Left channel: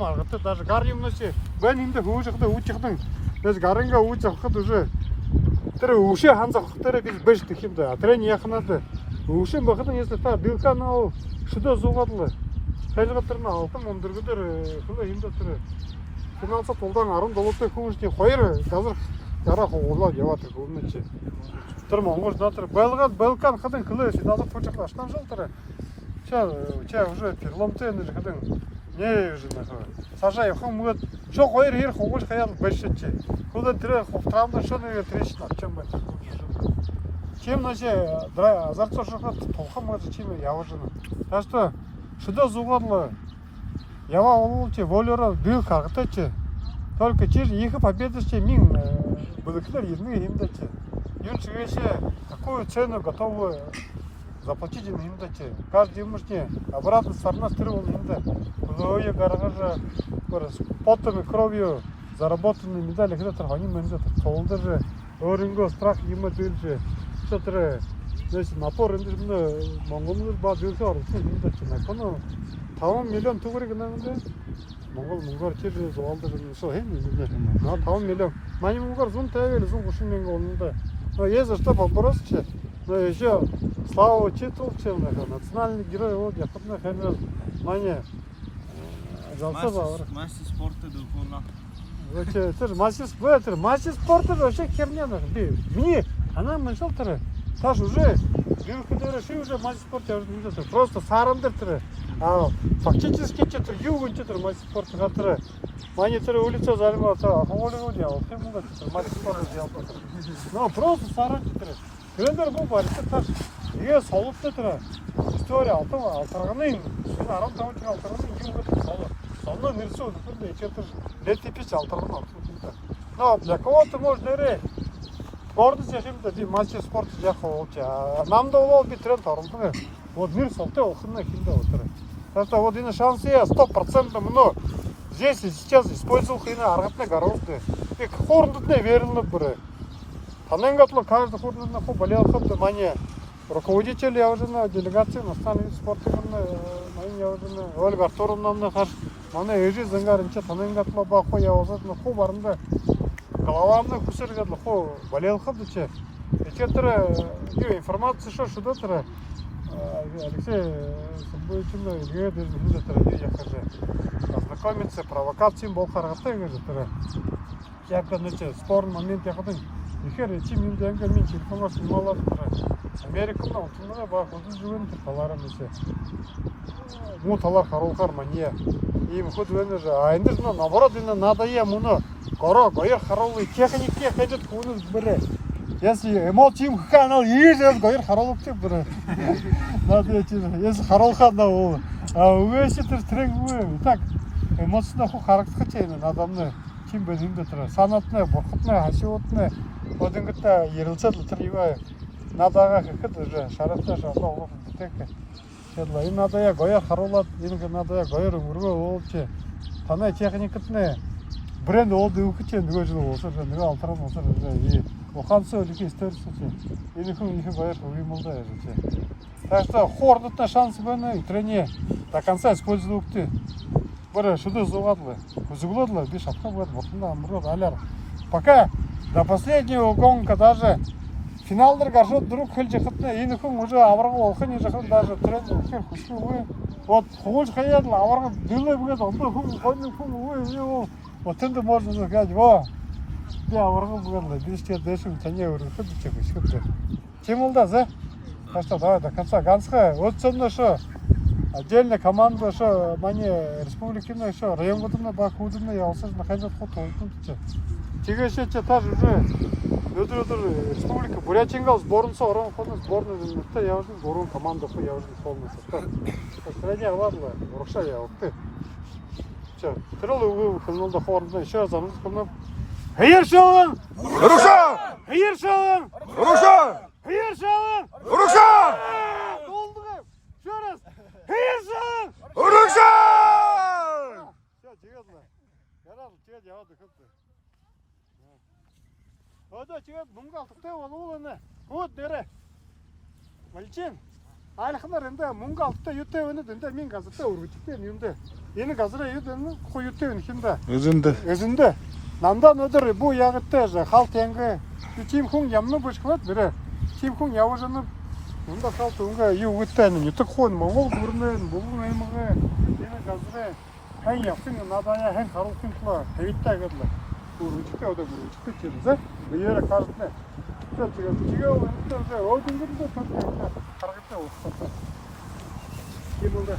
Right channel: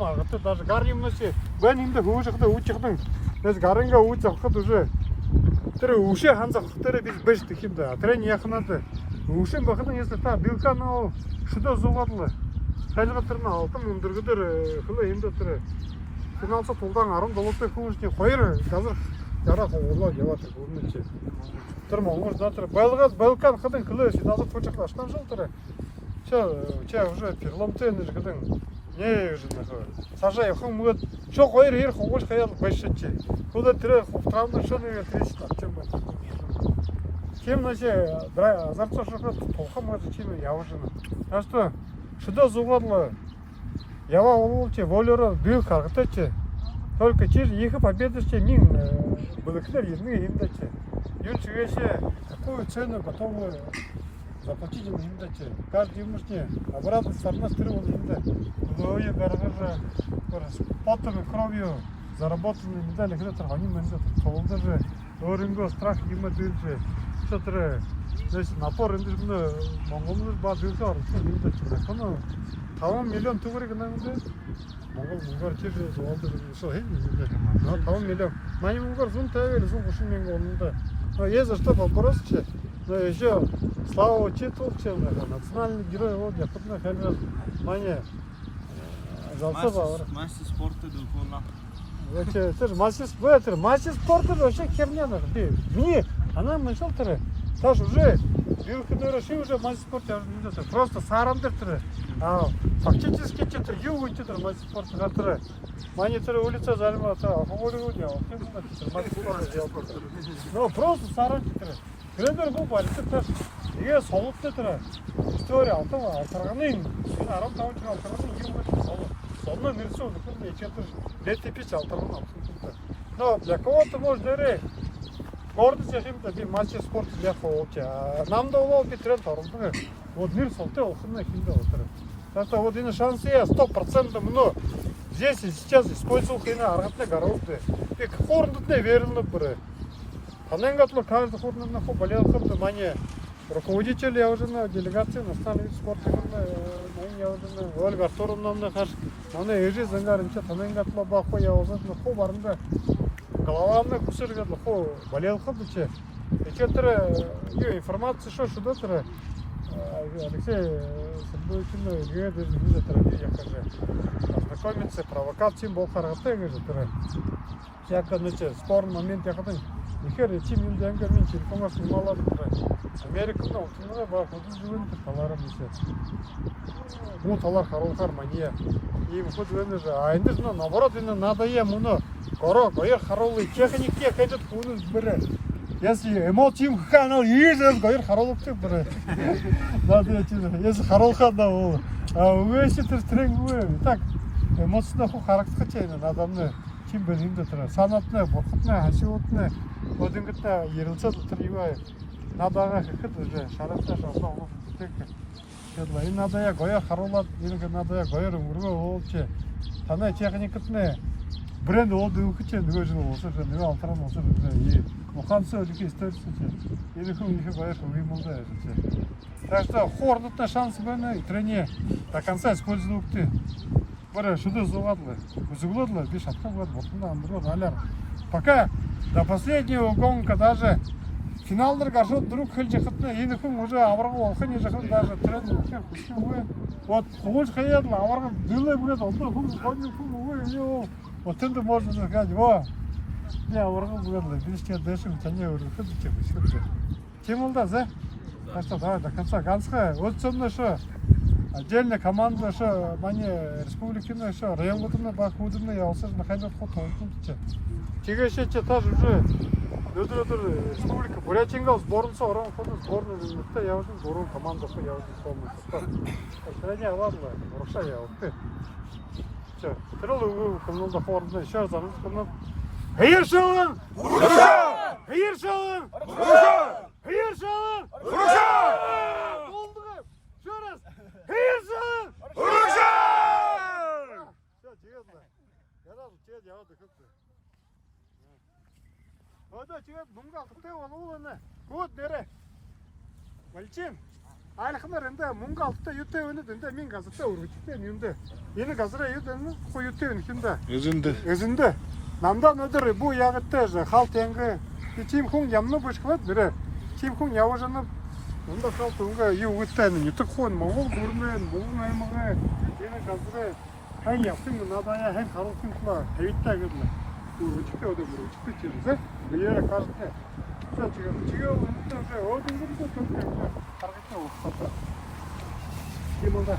Маргата даже гаримноси бен инде хөшөхдө үүчихдэн нэс гаринга үүчиххэд уже тэр үшээ ханзах тэр biz бэж гэх юм да. Трен яхнаад үшэн бахна если та билкану шидо зугадлаа. Тажралтарна алтан өндөргөдөр хөлөө юм да тэр финансаа тулдан 17 хүүшний 2 доллар дараа хуулаад яваад тэр гүрнэ чи. Тэр Монгол дотор байлгаад Балкан хадын хөлөө финансаа тулжахлаа штан жил тэр. Ча уже переломтэй нэр хадын не уже нахаа. Сажаа явах мөгөд шо 2 хэр хугаж хаяал башчи. Хөлөө тэр травмаа шо нэг трэш навчсан байна. Чем наше зарцоо шахат тухам мод чим явж байна. Аста шидо зугадлаа. Ява олче волеро бил каргатаче. Только через их победоче мин былыклар едны имдаче. Юнчегеше какую цену готовы заплатить имдаче. Каждый мужчина обратно сторона стрелу имда. Лоя гаража потом и кровью заработанные медали хлеб они имдат. Полдер же оринго страх имат юнче. Что-то здесь напор имдат монголдар бадылсар имдат. Ну 5 миллион төгрөг нэмдэ. Монгол тэр зовлдог юм шо хэн нэ. 5 миллион. Мань монгол 150 или 130 мянган онда. Но есть что попросить. Но еще слава читулче национальный герой вот я потом хэн мане Мастер спорта духовно. Вообще тэр мастер спорта вообще херня надо. Мне она мысль тэр. Таш уже билкадера ши уже мастер спорта уже просто сарандыр тэр. Фактически что-то юг что-то мастер спорта который монитор улица занимался хулиган делал химуна мастер спорта делал но просто саран тэр тренер был бар тэр я солоцтой тэр история алтарганы 15 жыл алтарганы юг солно нэрсөө нөхөрлөө чэтэр летипич алтарганы абсолютно но для кого-то можно ре гордость яхимда би мастер спорта яхоо намда бол би тренд оролдсон вот мир солтой охны хинда отыр. Просто вот и на шансе 100% но здесь и сейчас использовал хина аргатна гарузды. И хорндутне верно бре. Таненгатло каждый хорндут на болел хабда мане руководитель я уже на делегации национального спорта на я уже на Ольга Артуровна хар мане эжи зангарынча таненгатло бахо я уже на хо барында головамны кусыргатло хо болел хабда че. Эчетер информация что дотра Алексей Сабойчуна идея без нигде традиция ознакомиться провокациям был характер говорит я конечно спорный момент я хотел ихэр чим юм дэнгэ мин телефоноор снималаад Америкт утмага баг үзүүн талаараа мишээ муу талаар харуулахаар мания ийм ход вэнэ же а энд же наоборот надо я муно гоёр харуулъя техникээ гэж хүнээс бэрэ если эмоци юм ханаа ийж гоёр харуулж бэрэ надо если харуулхаа үгээсээ тэр трэггүй так эмоцноо харагдах гэж байна надад чим бэ юм дээр санаатны бурхадны хашиутны одингата ярилцаад тэр юу надаа гэхэд уже шаратаа шахаа тэг тэглээ энэ надаа я гоёр харуулаад энэ надаа я гоёр өргөө уулч танай техникатны брэнд олд өгч нөгөө жил уусаж нөгөө алтраа уусаж и ухаанцаа их историк энэ хүн их гоёр юм л да яа. Так что хордотный шанс байна тренер до конца использовал ты. Бара шидо зугадлаа. Зугадлаа би шатхаа бод ботнда амраад алар. Пока до последнего гонка даже финалдар гаршууд дөрөв хэлж яхад энэ хүн уже авраг болохын жахад даже тренер ихэр хүсгүй. Вот хууль хаяад авраг дөлөө бүгээд 엄마 хүн хонь хүн өө вот тэнд можно сказать во би авраг бүгээд би ч дэшиг таны өргөхөд чиг шүлээ. Тим бол да за так что давай до конца ганцха өцөнө шо отдельная команда шо мани республиканы шо районгуудны баг хүүднэ явсаж маханжат хот толдсон. Тэгээшээ ч таар уже өдөр республика Бурятинга сборница орон хот сборную нутта явсан 3 команда хо явсан полностью. Тренер ладно, урагшаа явдаг. Чё, тэрэл өгөө хэмнэлд хоорондоо еще замсгоно. Хайршаа! Урагшаа! Хайршаа! Урагшаа! Хайршаа! Урагшаа! Долдгоо. Еще раз. Хайршаа! Урагшаа! Всё, серьезно. Я рад, что я вот их. Одоо тэгээд мөнгө авахтай болуулна. Гүд нэрэ. Малчин. Айлхмаар энэ мөнгө авахтай юутай өнөд энэ минь газартай өргөжтэй юм дэ. Yeni gazıra yudunu koyutuyor şimdi. Özünde. Özünde. Namdan ödür bu yağıttı halt yenge. İçim kun yamlı başkalat biri. İçim kun yavaşlanıp onda halt onga yuğuttan yıtı kon mu ol burnen bulun aymağa. Yeni gazıra hay yaptın nadaya hem karılsın kula. Eyitte geldi. Bu çıkı o da bu çıkı çıkı. Yere karşıne. Çıkıyor o dinleri de çok hareketli oldu. Yemunda.